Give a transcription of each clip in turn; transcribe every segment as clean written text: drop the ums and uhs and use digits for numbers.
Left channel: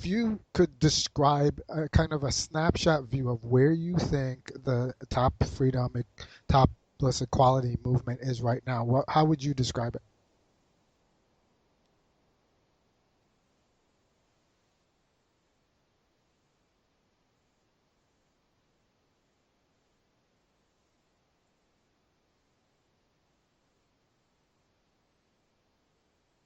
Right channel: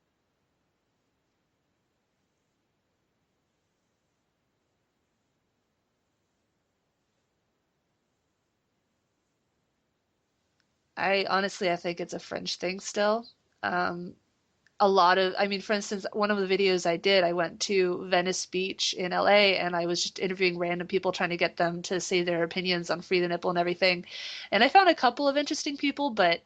if you could describe a kind of a snapshot view of where you think the top freedom, topless equality movement is right now, how would you describe it? I think it's a fringe thing still. Um, a lot of, I mean, for instance, one of the videos I did, I went to Venice Beach in LA and I was just interviewing random people trying to get them to say their opinions on free the nipple and everything. And I found a couple of interesting people, but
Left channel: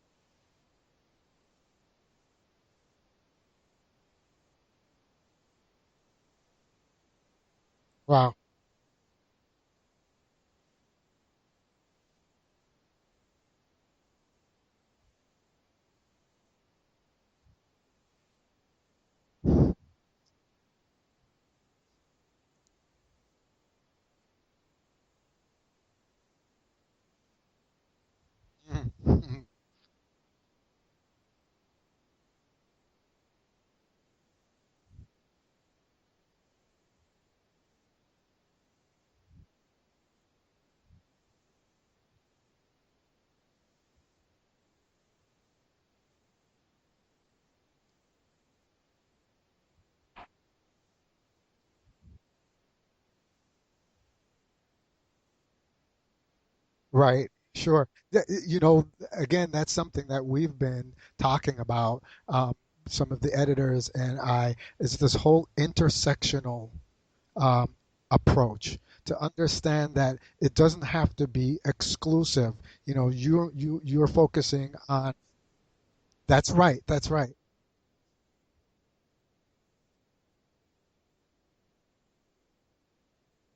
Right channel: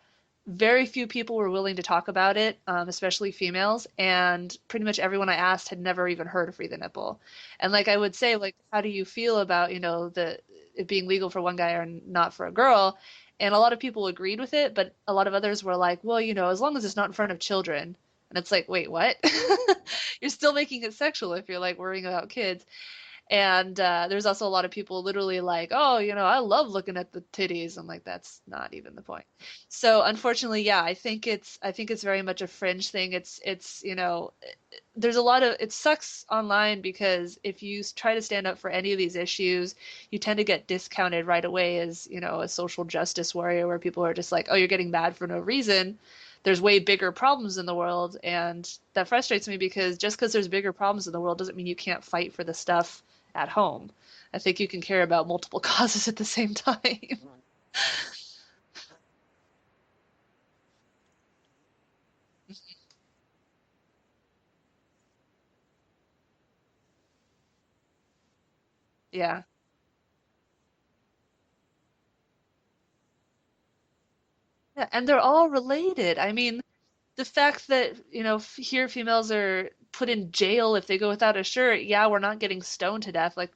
very few people were willing to talk about it, especially females. And pretty much everyone I asked had never even heard of free the nipple. And like I would Wow. say, like, how do you feel about, the it being legal for one guy or not for a girl? And a lot of people agreed with it, but a lot of others were like, well, as long as it's not in front of children. And it's like, wait, what? You're still making it sexual if you're like worrying about kids. And there's also a lot of people literally like, oh, I love looking at the titties. I'm like, that's not even the point. So unfortunately, yeah, I think it's very much a fringe thing. There's a lot of it sucks online because if you try to stand up for any of these issues, you tend to get discounted right away as, a social justice warrior where people are just like, oh, you're getting mad for no reason. There's way bigger problems in the world, and that frustrates me because just because there's bigger problems in the world doesn't mean you can't fight for the stuff at home. I think you can care about multiple causes at the same time. Right. Sure. Yeah. Again, that's something that we've been talking about. Some of the editors and I is this whole intersectional um, approach to Yeah. understand that it doesn't have to be exclusive. You're focusing Yeah, and on. they're all related. I That's mean, right. That's the right. fact that, here females are put in jail if they go without a shirt, yeah, we're not getting stoned to death like,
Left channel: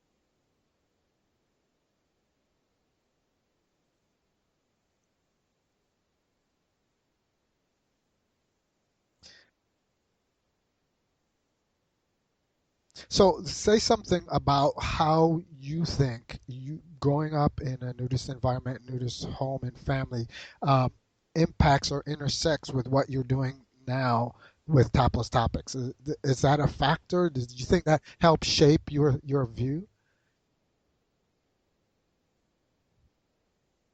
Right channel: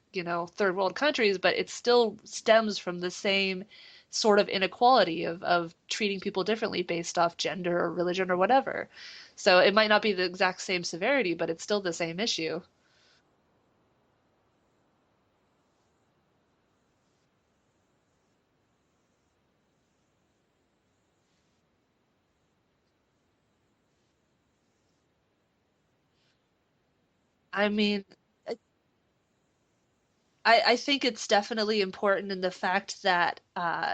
third world countries, but it still stems from the same sort of inequality of treating people differently based off gender or religion or whatever. So it might not be the exact same severity, but it's still the same issue. So say something about how you think you growing up in a nudist environment, nudist home and family um, impacts or intersects with what you're doing now with topless topics. Is that a factor? Do you I think that mean, helps shape your view? I think it's definitely important in the fact that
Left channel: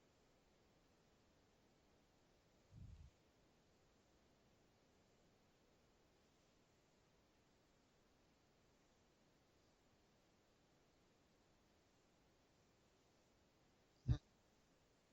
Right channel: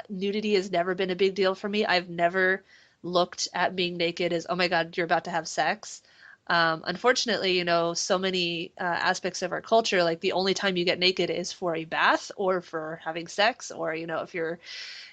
nudity has never been a big deal for me. I've never looked at being naked as, oh my God, you're about to have sex. Unfortunately, so many aspects of our culture, like the only time you get naked is for a bath or for having sex, or, if you're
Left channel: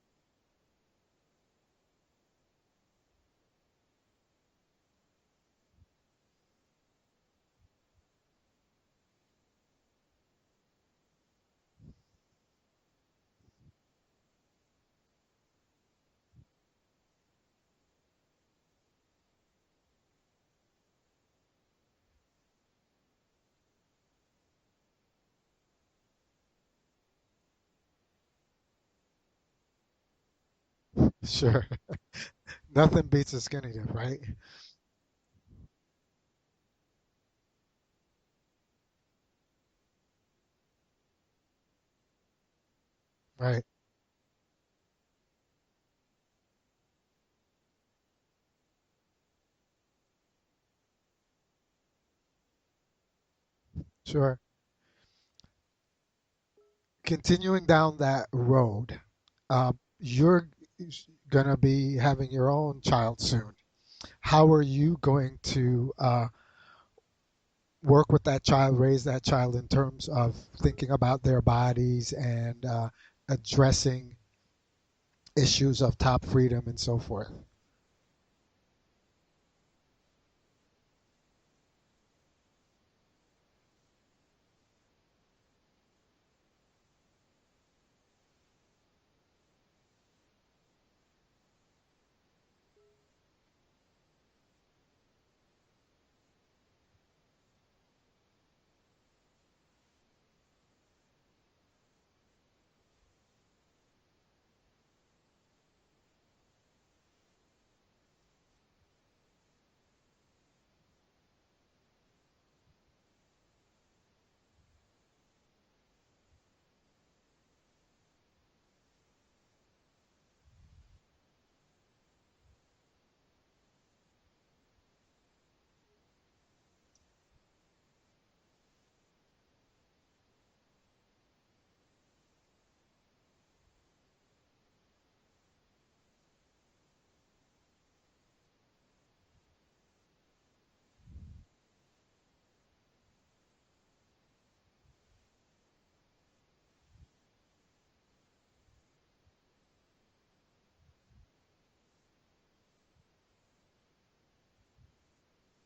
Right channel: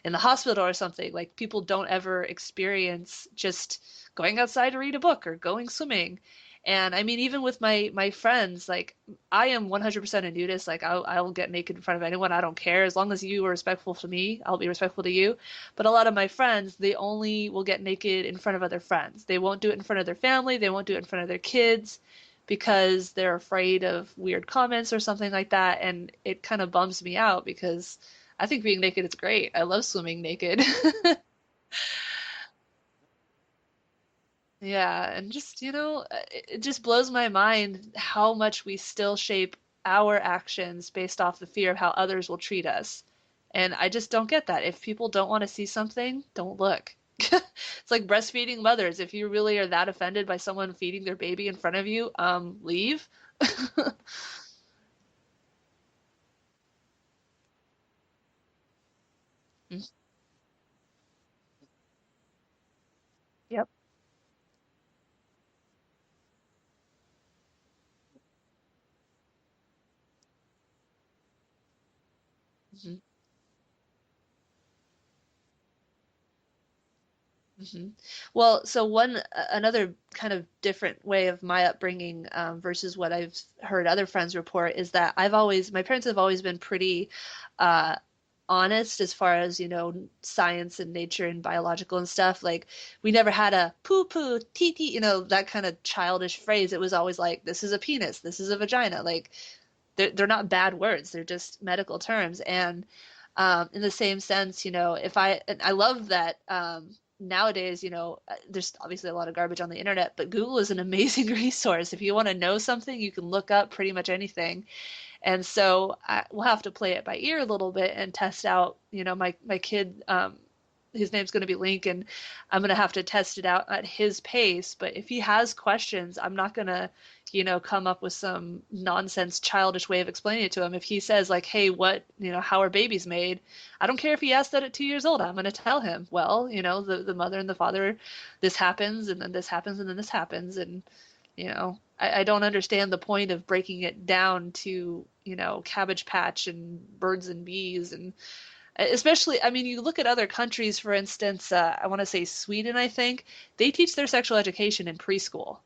in the hospital or something, like people don't ever experience just going outside to read a book or going swimming. And I mean, even with my friends, like I am 100% a nudist. Like I will get naked in front of anyone. I don't care as long as you are respectful to me. I'll be respectful to you. But a lot of my friends, they only will get naked in front of other friends. They won't do it in front of their family. They won't do it in front of their kids because they're afraid of weird comments or something like that. And it kind of bums me out because I think being naked is great. I love swimming naked. Sure. Nothing beats a skinny dip, right? Yeah, and just, it just blows my mind how much we still shape our actions based off the fear of how others will treat us. Right. And I just don't get that. If people don't want to see something, don't look. It's like breastfeeding mothers. If you really are that offended by someone feeding their baby in front of you, leave. Sure. Continuing down that road, you're gonna be having your own child soon. Yep. How are you going to work with that child, raise that child in terms of thinking about their bodies and addressing issues of top freedom and so forth? hmm Well, so another kind of different way of my upbringing versus what I've heard other friends report is that my parents have always been pretty uh, honest as far as, science and nature and biological and stuff. Like we never had a poo poo, tee tee, that kind of childish phrase. It was always like, this is a penis, this is a vagina. Like they're not bad words, they're just medical terms. And in the same sense, if and I love that nowadays, there's obviously a lot of garbage on the internet, but Google is an amazing resource. If you want to know something, you can look up pretty much anything. And so we'll have to play it by ear a little bit and test out, my kid. his name's going to be Lincoln. I'm going to have to test it out at his pace. But if he has questions, I'm not going to, come up with some nonsense, childish way of explaining it to him. If he says, like, hey, how are babies made? I don't care if he asked that at 2 years old. I'm going to tell him, well, the mother and the father, this happens, and then this happens, and then this happens. And, I don't understand the point of breaking it down to, Cabbage Patch and birds and bees and especially, I mean, you look at other countries, for instance, I want to say Sweden, I think, they teach their sexual education in preschool.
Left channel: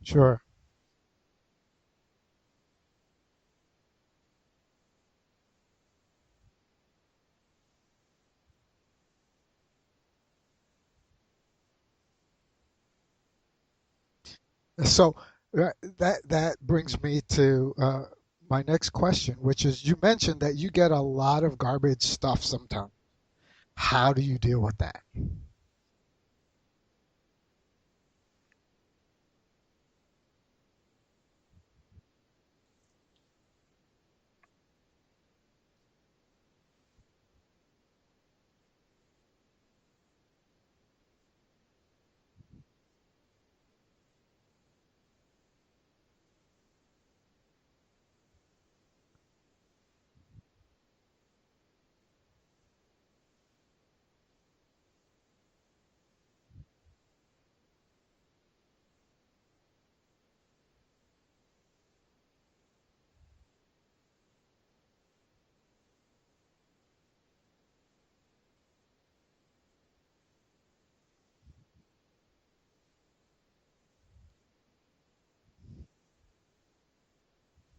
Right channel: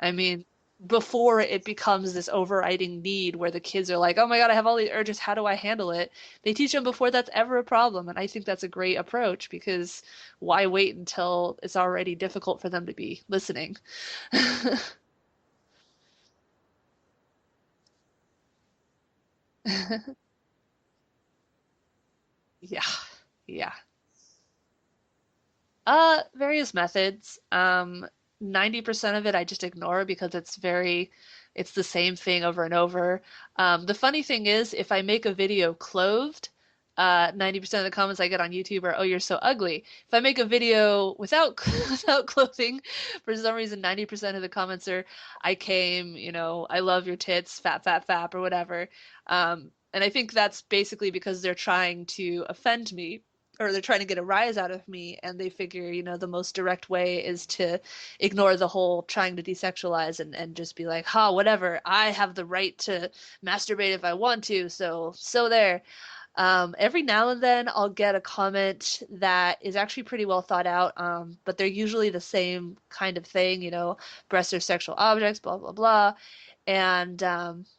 I Sure. mean, before it becomes this overriding need where the kids are like, oh my God, I have all these urges. How do I handle it? They teach them before that's ever a problem. And I think that's a great approach because why wait until it's already difficult for them to be listening? So that brings me to my next question, which is you mentioned that you get a lot of garbage stuff Yeah, sometimes. yeah. How do you deal with that? Various methods. 90% of it I just ignore because it's the same thing over and over. The funny thing is, if I make a video clothed, 90% of the comments I get on YouTube are, "Oh, you're so ugly." If I make a video without without clothing, for some reason, 90% of the comments are, "I came," "I love your tits," "fat, fat, fap," or whatever. And I think that's basically because they're trying to offend me or they're trying to get a rise out of me and they figure the most direct way is to ignore the whole trying to desexualize and just be like ha whatever I have the right to masturbate if I want to so there. Every now and then I'll get a comment that is actually pretty well thought out, but they're usually the same kind of thing, breasts are sexual objects, blah blah blah. And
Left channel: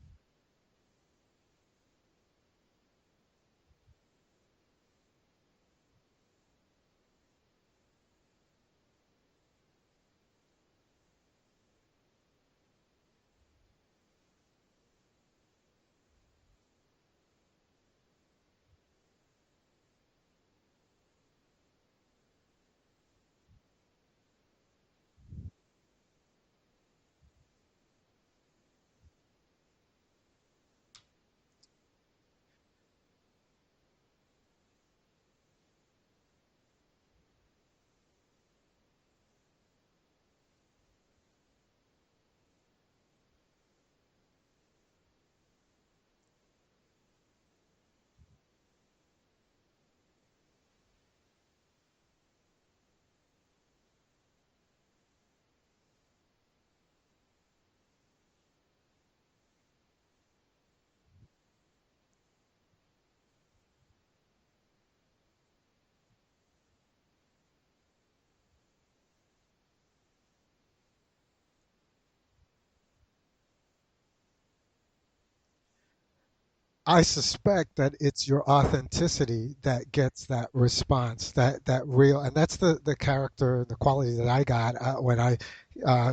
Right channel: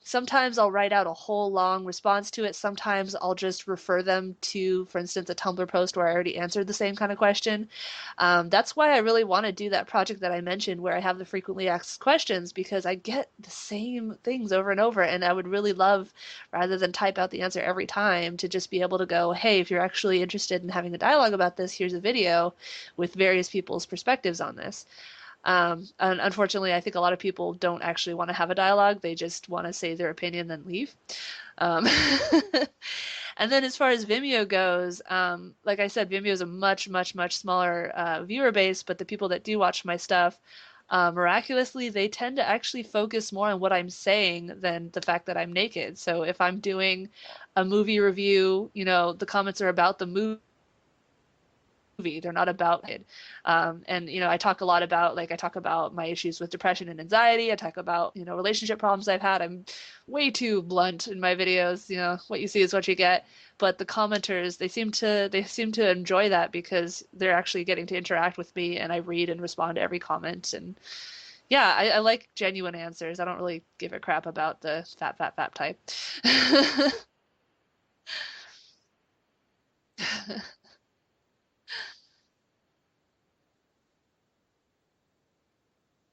sometimes I'll write out a whole long response to it. Sometimes I'll just refer them to, for instance, a Tumblr post where I already answered the same kind of question. That's why I really want to do that project that I mentioned where I have the frequently asked questions because I get the same things over and over. And I would really love, rather than type out the answer every time, to just be able to go, hey, if you're actually interested in having a dialogue about this, here's a video with various people's perspectives on this. And unfortunately, I think a lot of people don't actually want to have a dialogue. They just want to say their opinion, then leave. Um, and then as far as Vimeo goes, like I said, Vimeo is a much, much, much smaller viewer base, but the people that do watch my stuff, miraculously, they tend to actually focus more on what I'm saying than the fact that I'm naked. So if I'm doing a movie review, the comments are about the movie, they're not about it. And I talk a lot about like I talk about my issues with depression and anxiety. I talk about relationship problems I've had. I'm way too blunt in my videos. What you see is what you get. But the commenters, they seem to enjoy that because they're actually getting to interact with me, and I read and respond to every comment. And yeah, I like genuine answers. I don't really give a crap about the fat, fat, fat type. I suspect that it's your authenticity that gets that response, that real, and that's the character and the quality that I got when I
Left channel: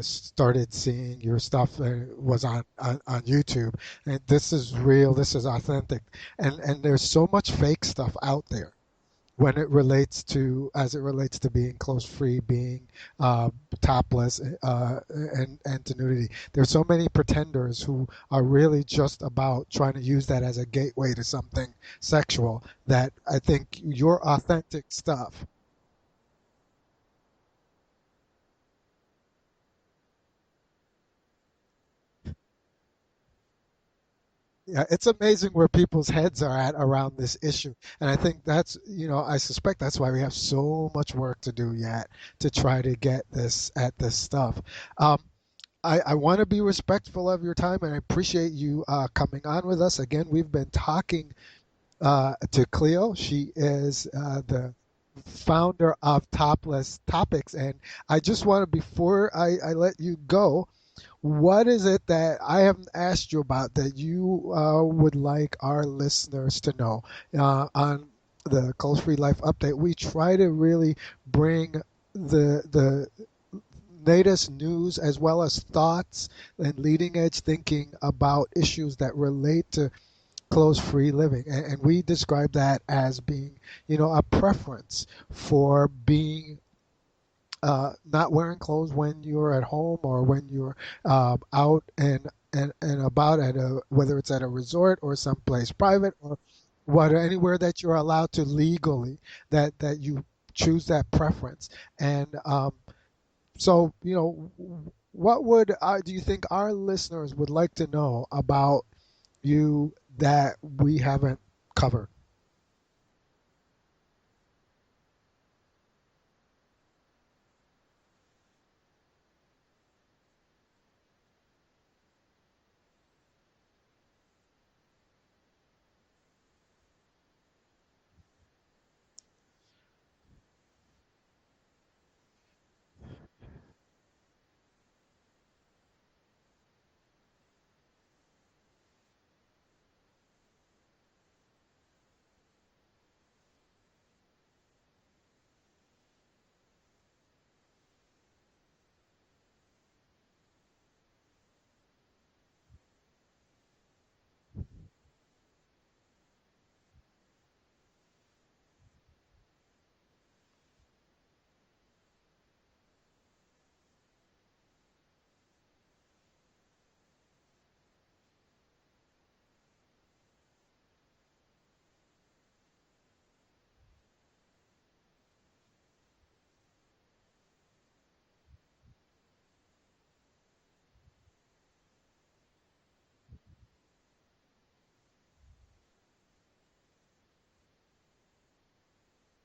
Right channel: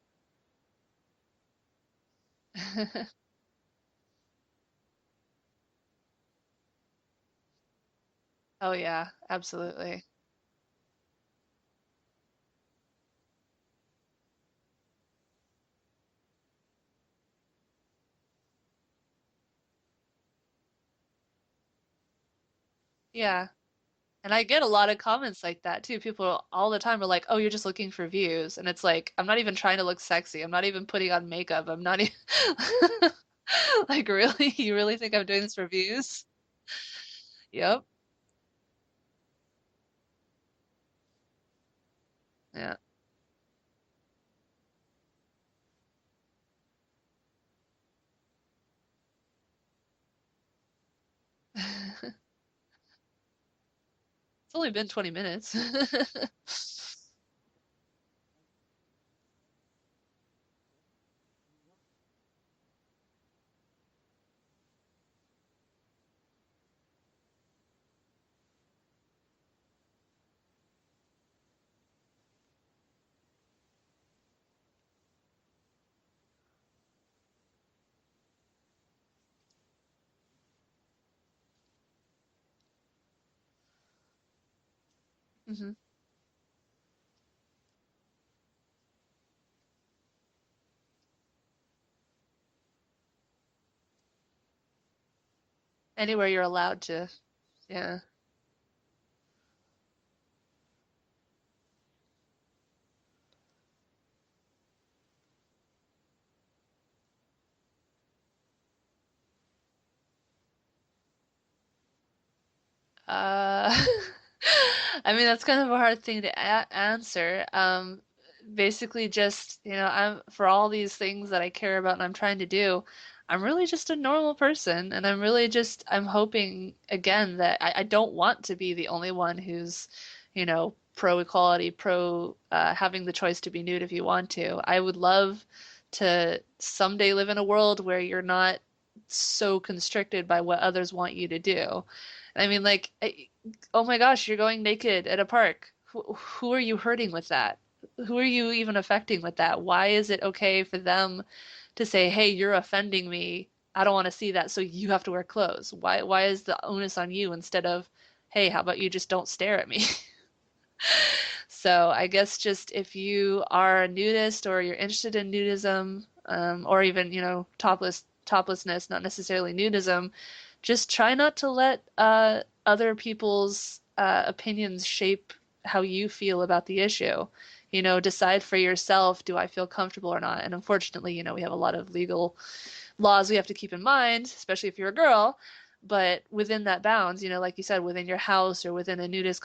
started seeing your stuff was on YouTube. And this is real, this is authentic, and there's so much fake stuff out there Oh yeah, when it absolutely. relates to as it relates to being clothes free, being uh, topless, and to nudity. There's so many pretenders who are really just about trying to use that as a gateway to something sexual. That I Yeah. think your And I get a authentic lot of stuff. comments like that too. People all the time are like, "Oh, you're just looking for views." And it's like, I'm not even trying to look sexy. I'm not even putting on makeup. I'm not even like, really? You Yeah, really it's think I'm doing amazing this for where people's views? heads are at around this issue, Yep. and I think that's I suspect that's why we have so much work to do yet to Yeah. try to get this at this stuff. Um, I want to be respectful of your time and I appreciate you coming on with us. Again, we've been talking to Cleo. She is It's only the been 20 minutes. founder of Topless Topics. And I just want to, before I let you go, what is it that I haven't asked you about that you would like our listeners to know on the Cold Free Life Update? We try to really bring the latest news as well as thoughts and leading edge thinking about issues that relate to clothes free living. And we describe that as being, a preference Mhm. for being not wearing clothes when you're at home or when you're out and about at whether it's at a resort or someplace private Anywhere or you're allowed what to. anywhere that you're Yeah. allowed to legally that you choose that preference. And so, what would do you think our listeners would like to know about you that we haven't covered? Uh, I mean, that's kind of a hard thing to answer. Basically, just, I'm for all these things that I care about and I'm trying to do, I'm really just a normal person, and I'm hoping again that I don't want to be the only one who's, pro equality, pro having the choice to be nude if you want to. I would love to someday live in a world where you're not so constricted by what others want you to do. I mean, like, oh my gosh, you're going naked at a park. Who are you hurting with that? Who are you even affecting with that? Why is it okay for them to say, "Hey, you're offending me. I don't want to see that, so you have to wear clothes." Why is the onus on you instead of, "Hey, how about you just don't stare at me?" So I guess just if you are a nudist or you're interested in nudism, or even, toplessness, not necessarily nudism, just try not to let other people's opinions shape how you feel about the issue. Decide for yourself, do I feel comfortable or not? And unfortunately, we have a lot of legal laws we have to keep in mind, especially if you're a girl. But within that bounds, like you said, within your house or within a nudist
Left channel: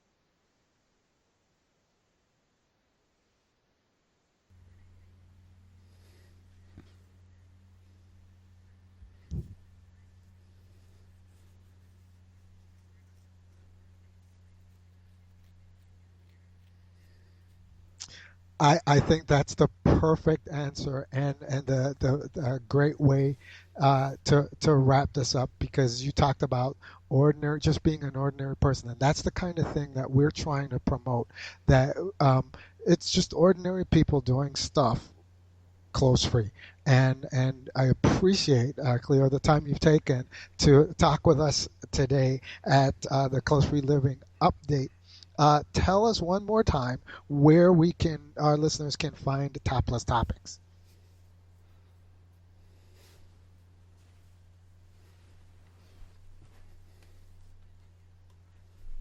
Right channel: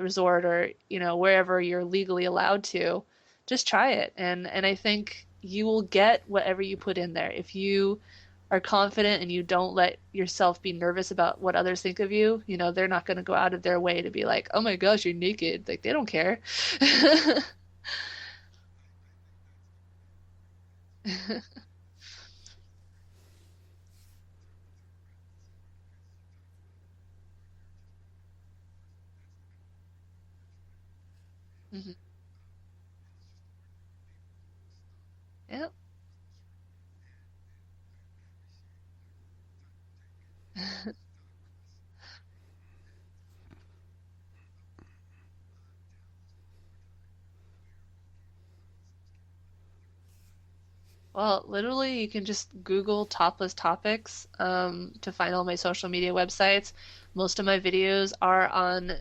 resort, or wherever you're legally allowed to, just try it. And I think you will get whatever you put in there. If you are confident and you don't let yourself be nervous about what others think of you, they're not going to go out of their way to be like, "Oh my gosh, you're naked." Like, they don't care. I think that's the perfect answer, and the great way to wrap this up, because you talked about ordinary, just being an ordinary person, and that's the kind of thing that we're trying to promote. That it's just ordinary people doing stuff Yep. clothes free. And I appreciate, Cleo, the time you've taken to talk with us today at the Clothes Free Living update. Tell us one more time where our listeners can find Topless Topics. Well, literally, you can just Google topless topics to find all my social media websites. Most of my videos are on,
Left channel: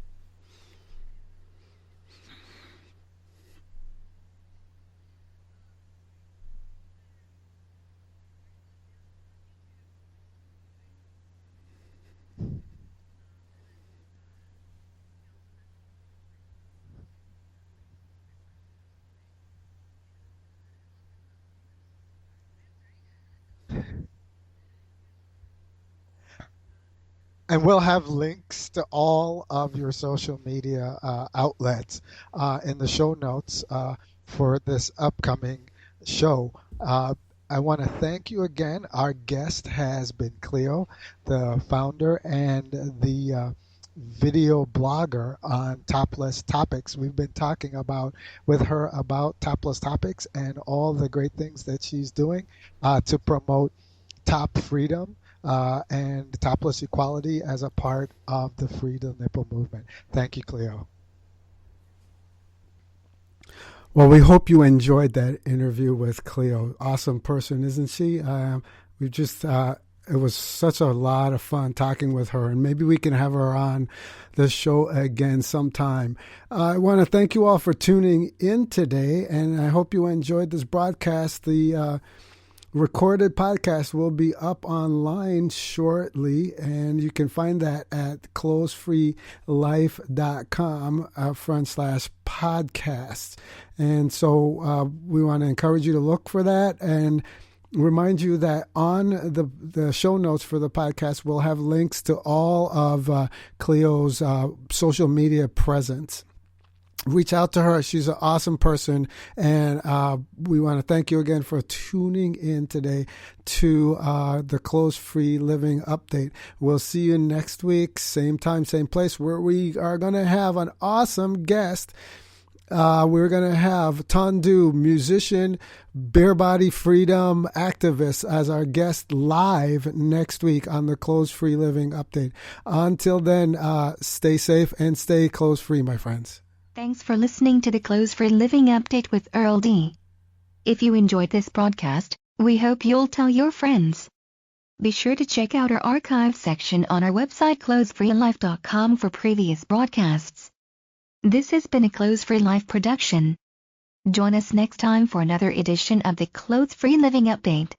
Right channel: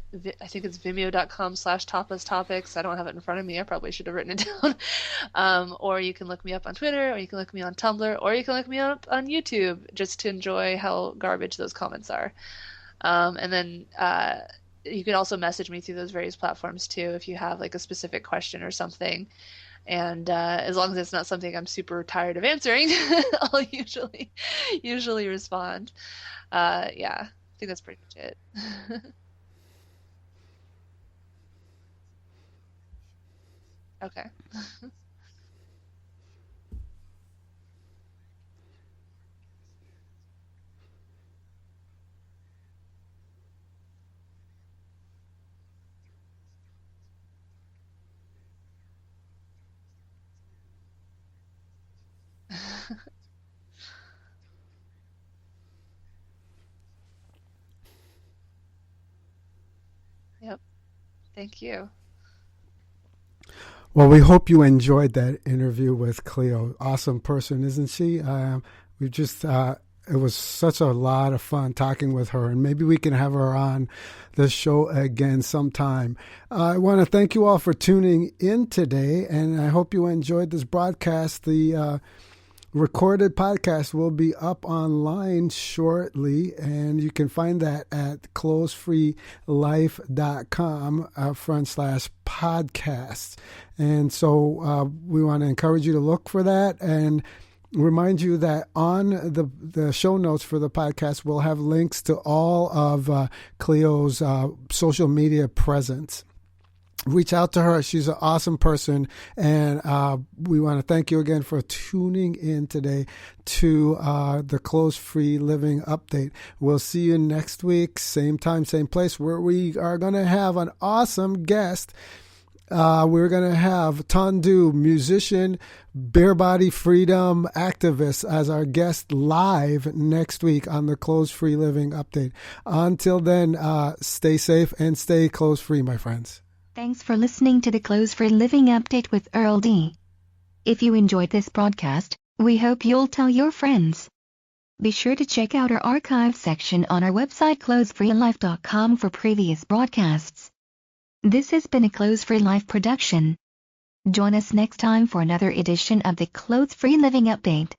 I think it's vimeo.com/topless topics. I don't have it in front of me. I probably should have written it down. Or you can look me up on Twitter, or you can look me on Tumblr, or you can look me up on YouTube just to enjoy how garbage those comments are. And then you can also message me through those various platforms too if you have like a specific question or something. And as long as it's not something I'm super tired of answering, I'll usually respond. Yeah, And good we'll as have appreciate. links to all of your social media outlets in the show notes Okay. for this upcoming show. Uh, I want to thank you again. Our guest has been Cleo, the founder and the video blogger on Topless Topics. We've been talking with her about Topless Topics and all the great things that she's doing to promote top freedom and topless equality as a part of the Free the Nipple movement. Thank you, Yep. Cleo. Thank you. Well, we hope you enjoyed that interview with Cleo. Awesome person, isn't she? We just, it was such a lot of fun talking with her, and maybe we can have her on the show again sometime. I want to thank you all for tuning in today, and I hope you enjoyed this broadcast. The recorded podcast will be up online shortly, and you can find that at closefreelife.com /podcasts. And so we want to encourage you to look for that, and remind you that on the show notes for the podcast, we'll have links to all of Cleo's social media presence. Reach out to her. She's an awesome person. And we want to thank you again for tuning in today to the Clothes Free Living update. We'll see you next week, same time, same place, where we are going to have an awesome guest. We're going to have Tandu, musician, bare body freedom activist, as our guest live next week on the Clothes Free Living update. Until then, stay safe and stay clothes free, my friends. Thanks for listening to the Clothes Free Living Update with Earl D. If you enjoyed this broadcast, we hope you'll tell your friends. Be sure to check out our archive section on our website clothesfreelife.com for previous broadcasts. This has been a Clothes Free Life production. Join us next time for another edition of the Clothes Free Living Update.